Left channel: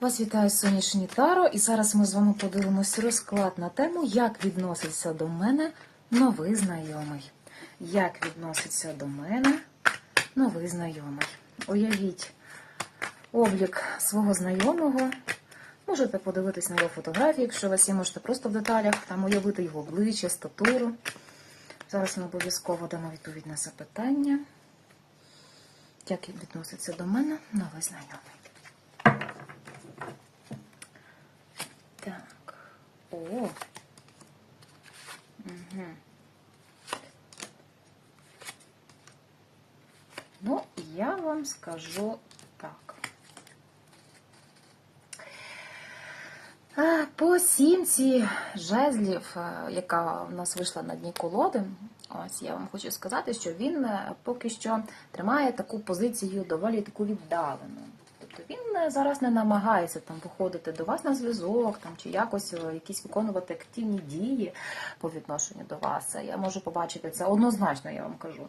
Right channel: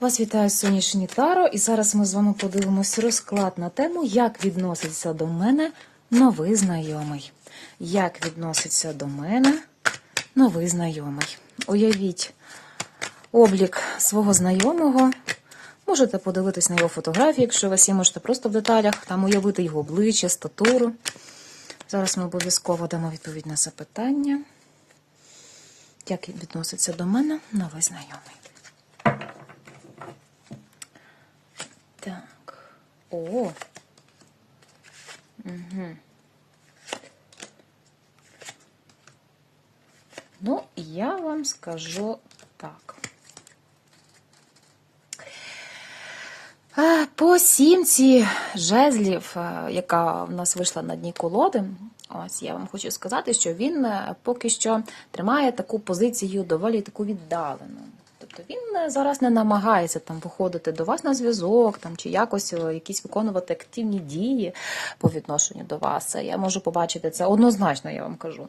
Вас вітає сонячні Таро, і зараз ми з вами подивимося розклад на тему, як відноситься до мене новий знайомий. Як відноситься до мене новий знайомий. Уявіть облік свого знайомого. Можете подивитись на його фотографії, якщо у вас є, можете просто в деталях там уявити його обличчя, статуру. Зараз ми обов'язково дамо відповідь на запитання. Як відноситься до мене новий знайомий? Так. О. Угу. Ну, я вам скажу так. По сімці жезлів, яка в нас вийшла на дні колоди, ось я вам хочу сказати, що він е, поки що тримає таку позицію доволі таку віддалену. Тобто він е, зараз не намагається там виходити до вас на зв'язок, там чи якось е, якісь виконувати активні дії по відношенню до вас. Я можу побачити це однозначно, я вам кажу.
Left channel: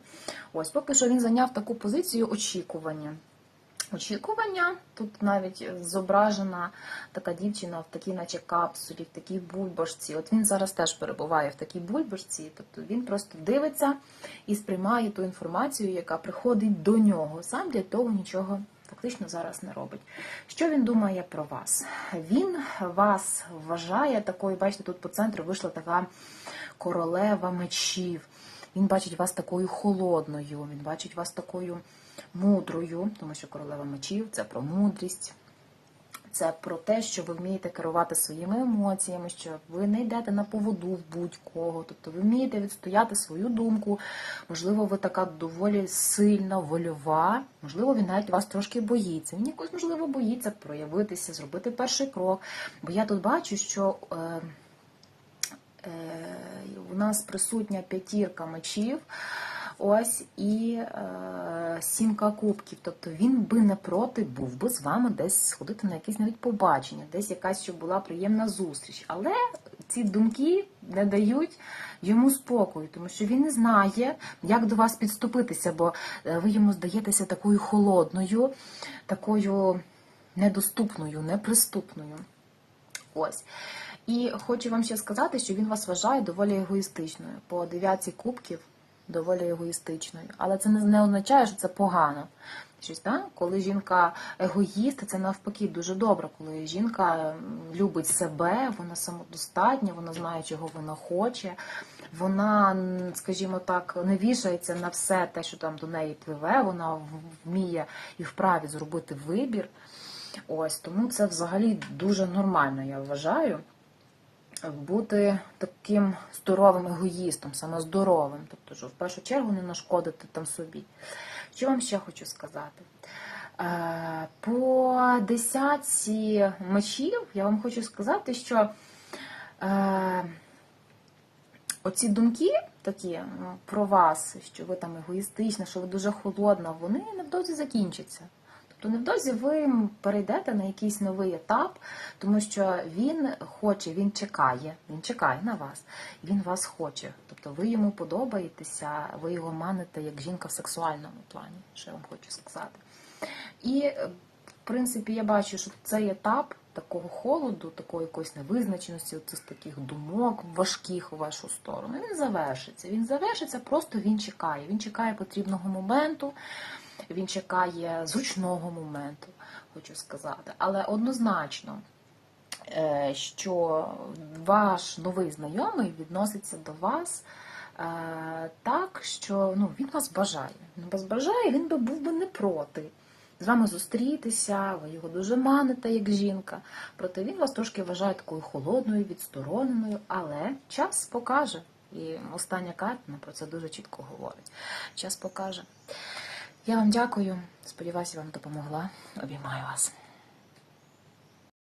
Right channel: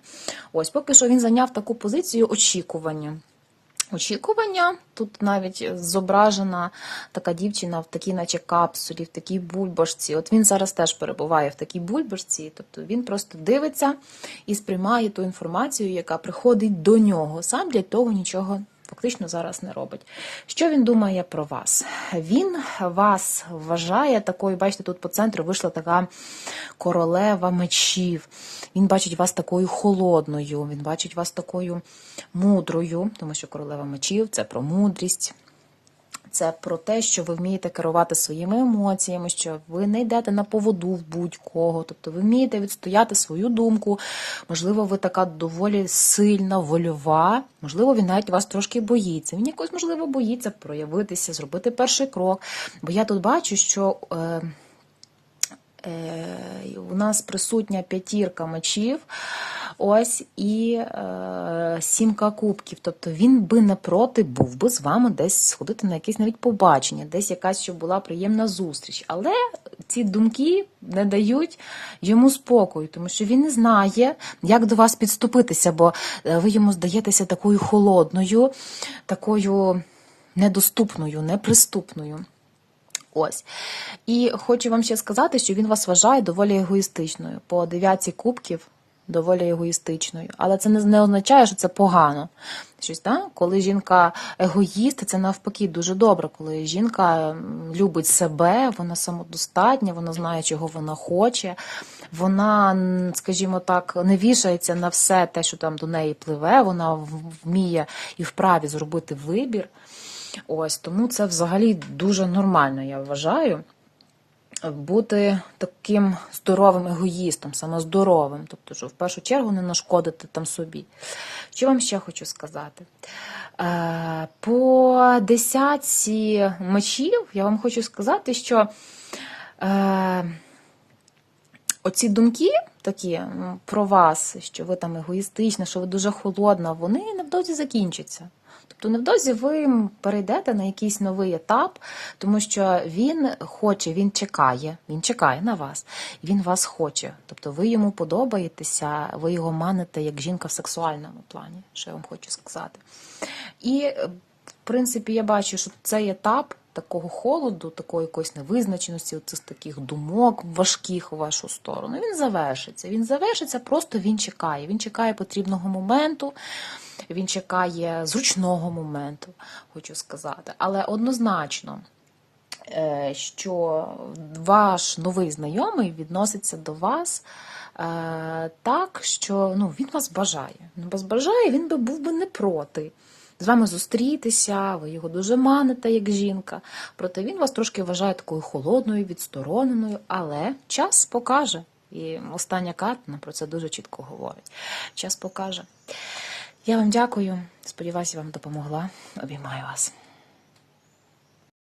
Ось поки що він зайняв таку позицію очікування. Очікування тут навіть зображена така дівчина в такій, наче капсулі, в такій бульбашці. От він зараз теж перебуває в такій бульбашці, тобто він просто дивиться і сприймає ту інформацію, яка приходить до нього. Сам для того нічого фактично зараз не робить. Що він думає про вас? Він вас вважає такою, бачите, тут по центру вийшла така королева мечів. Він бачить вас такою холодною, він бачить вас такою мудрою, тому що королева мечів це про мудрість. Це про те, що ви вмієте керувати своїми емоціями, що ви не йдете на поводу в будь-кого. Тобто ви вмієте відстояти свою думку. Можливо, ви така доволі сильна, вольова. Можливо, він навіть вас трошки боїться. Він якось, можливо, боїться проявитися, зробити перший крок. Бо я тут бачу, що. Е, у нас присутня п'ятірка мечів, ось і е, сімка кубків. Тобто він би не проти був би з вами десь сходити на якесь навіть побачення, десь якась щоб була приємна зустріч. Але ці думки не дають йому спокою, тому що він не знає, як до вас підступитися, бо е, ви йому здаєтеся такою холодною, такою недоступною, неприступною. Ось. І хочу вам ще сказати, що він вас вважає доволі егоїстичною. По дев'ятці кубків доволі егоїстичною. Але це не означає, що це погано. Щось, так? Коли жінка егоїст, це навпаки дуже добре. Коли жінка любить себе, вона самодостатня, вона знає, чого вона хоче. Вона, скажімо так, не вішається на все те, що там до неї пливе, вона вміє і вправі зробити вибір. Ось тому це взагалі дуже нормально, я вважаю. Бути таким здоровим егоїстом, самоздоровим, тобто, що в першу чергу не нашкодити там собі. Що вам ще хочу сказати? По десятці мечів я вам хочу сказати, що оці думки такі про вас, що ви там егоїстична, що ви дуже холодна, вони невдовзі закінчаться то невдовзі ви перейдете на якийсь новий етап, тому що він хоче, він чекає, він чекає на вас, він вас хоче. Тобто ви йому подобаєтеся, ви його маните як жінка в сексуальному плані, що я вам хочу сказати. І, в принципі, я бачу, що цей етап. Такого холоду, такої якоїсь невизначеності, оцих таких думок важких у вашу сторону. Він завершиться. Він завершиться, просто він чекає. Він чекає потрібного моменту, він чекає зручного моменту, хочу сказати. Але однозначно, е, що ваш новий знайомий відноситься до вас е, так, що ну, він вас бажає. Він вас бажає, він би був би не проти. З вами зустрітися, ви його дуже маните, як жінка. Проте він вас трошки вважає такою холодною, відстороненою, але час покаже. І остання карта про це дуже чітко говорить. Час покаже. Я вам дякую. Сподіваюся, вам допомогла. Обіймаю вас.